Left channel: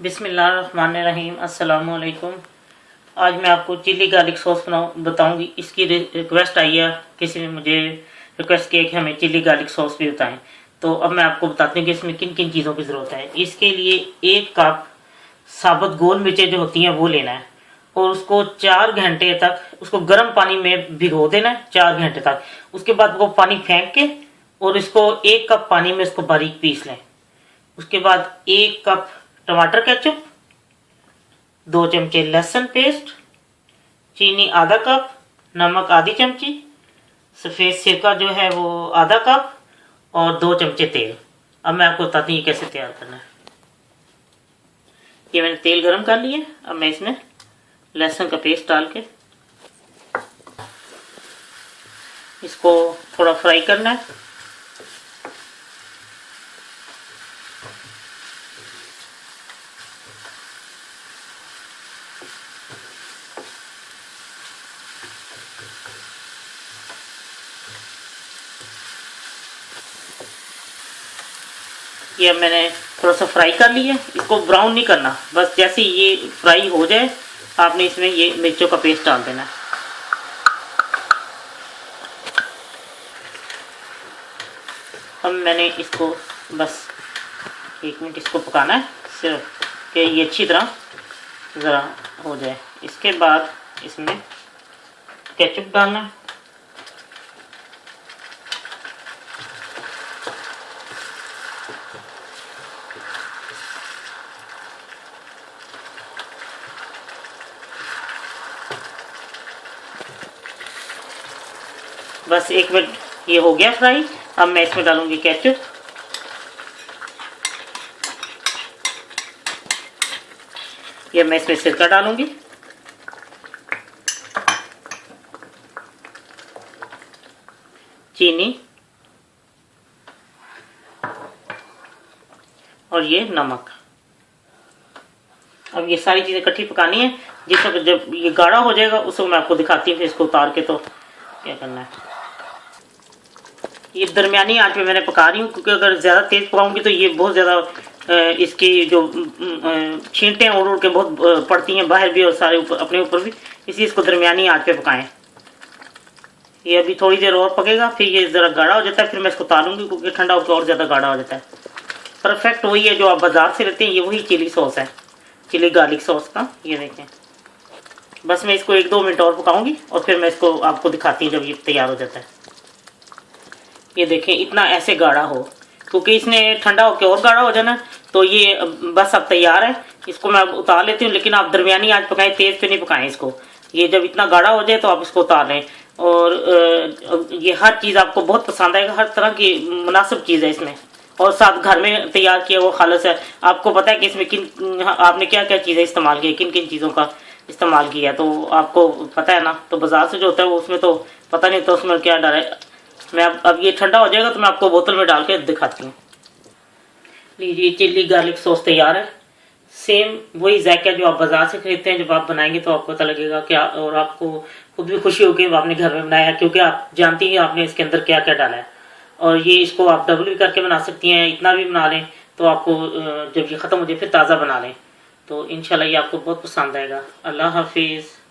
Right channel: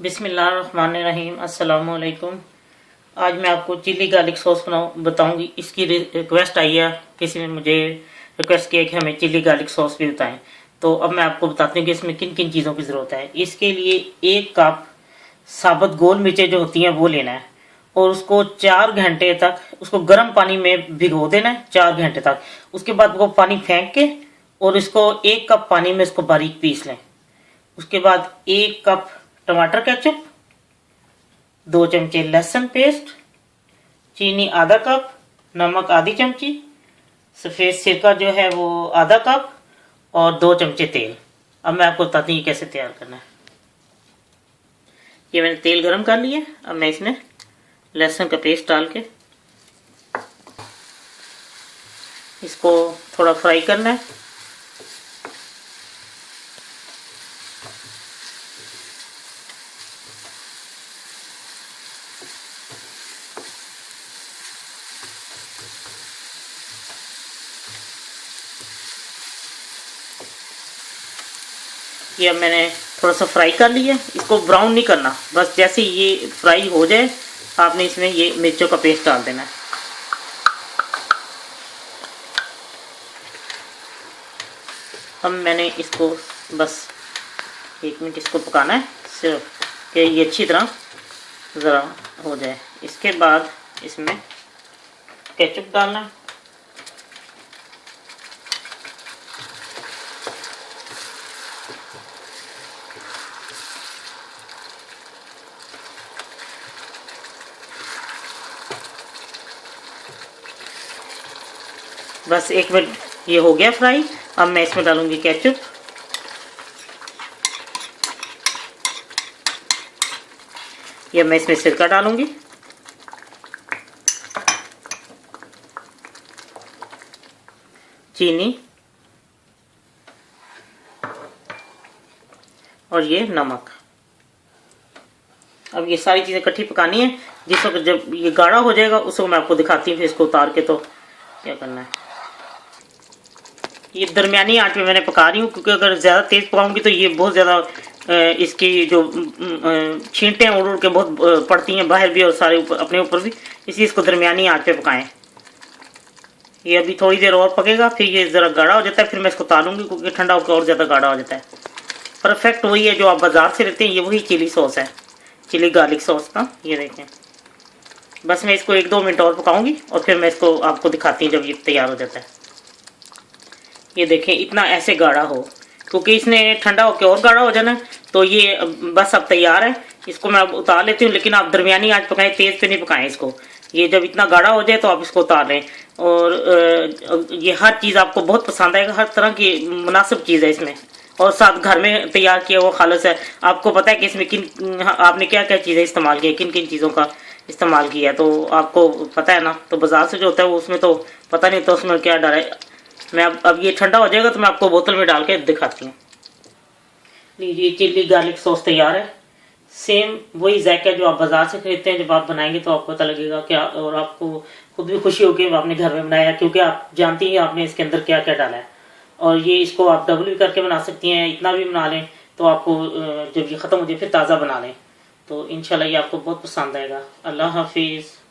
बिस्मिल्लाहिर्रहमानिर्रहीम। अस्सलाम वालेकुम। आज मैं आपको चिली गार्लिक सॉस बताऊंगी। इसकी रिक्वेस्ट आई है, किसी ने मुझे रिक्वेस्ट किया कि हमें चिली गार्लिक सॉस भी बताएं। तो अब मैं आपको बताती हूँ कि इसमें किन किन चीज़ों की ज़रूरत है। इसके लिए 1 कप साबुत गोल मिर्चें जो होती हैं वो लेना है और उसको 4 घंटे तक उसको गर्म पानी में भिगो देना है 4 घंटे तक। उसके बाद वो पानी फेंक के और इसको 1 कप पानी में इसको बारीक पीस लें। उसके बाद 1 कप टमाटर केचप, 2 चमचे लहसुन पेस्ट, चीनी आधा कप, नमक आधी चमची, सफ़ेद सिरका जो है वो आधा कप और 2 चमचे तेल। अब मैं आपको बताती हूँ कैसे तैयार करना है। ये मैंने तेल गरम कर लिया। अब मैं इसमें लहसुन का पेस्ट डाल के इसको थोड़ा फ्राई करना है। ये अब मैंने थोड़ा सा फ्राई कर लिया। इसको ब्राउन नहीं करना, बस जैसे ये फ्राई हो जाए आपने इसमें ये मिर्चों का पेस्ट डाल देना है। अब मैंने इसको बस 1 मिनट इसको पकाना है, सिर्फ कि ये अच्छी तरह ज़रा हो जाए। इसके बाद इसमें केचप डालना है। बस 1 मिनट ये हो गया फ्राई। अब मैं इसमें डालूंगी केचप। ये मैं इसमें सिरका डालूंगी, चीनी और ये नमक। अब ये सारी चीज़ें इकट्ठी पकानी है। जिस वक्त जब ये गाढ़ा हो जाएगा उस वक्त मैं आपको दिखाती हूँ। फिर इसको उतार के तो क्या करना है। ये दरमियानी आंच में मैंने पका रही हूँ, क्योंकि अगर ज़्यादा तेज़ पकाऊंगी तो ये बहुत ज़्यादा इसकी जो छींटें उड़ उड़ के बहुत पड़ती हैं बाहर भी और सारे ऊपर अपने ऊपर भी, इसलिए इसको दरमियानी आंच पे पकाएं। ये अभी थोड़ी देर और पकेगा, फिर ये ज़रा गाढ़ा हो जाता है, फिर मैं इसको उतारूंगी क्योंकि ठंडा होकर और ज़्यादा गाढ़ा हो जाता है। परफेक्ट वही है जो आप बाज़ार से लेते हैं, ये वही चिली सॉस है, चिली गार्लिक सॉस का। ये देखें, बस मैं इसको 1-2 मिनट और पकाऊंगी और फिर मैं इसको आपको दिखाती हूँ जब ये तैयार हो जाता है। ये देखें, इतना ऐसे गाढ़ा हो, क्योंकि इसने ठंडा होकर और गाढ़ा हो जाना। तो ये बस अब तैयार है। इसको मैं अब उतार लेती हूँ, लेकिन आप दरमियानी आंच पकाएं, तेज़ पे नहीं पकाएं इसको। ये जब इतना गाढ़ा हो जाए तो आप इसको उतार लें। और ये हर चीज़ आपको बहुत पसंद आएगा, हर तरह की मुनासिब चीज़ है इसमें, और साथ घर में तैयार किया हुआ खालस है। आपको पता है कि इसमें किन आपने क्या क्या चीज़ें इस्तेमाल की, किन किन चीज़ों का इस्तेमाल किया है, तो आपको पता है ना। तो बाजार से जो होता है वो उसमें तो पता नहीं, तो उसमें क्या डर है। मैं अब ये ठंडा हो जाएगा तो मैं आपको बोतल में डाल के दिखाती हूँ। लीजिए, चिल्ली गार्लिक सॉस तैयार है। सेम वही जायका जो आप बाजार से खरीदते हैं, जब आप बनाएंगे तो आपको पता लगेगा क्या, और आपको खुद भी खुशी होगी आपने घर में बनाया, क्योंकि आप जानती हैं आपने इसके अंदर क्या क्या डाला है। और ये इसको आप डबल भी करके बना सकती हैं, इतना भी बना लें तो आपको जब ये ख़त्म हो जाए फिर ताज़ा बना लें। तो इंशाल्लाह ये आपको बहुत पसंद आएगा। अल्लाह हाफिज़।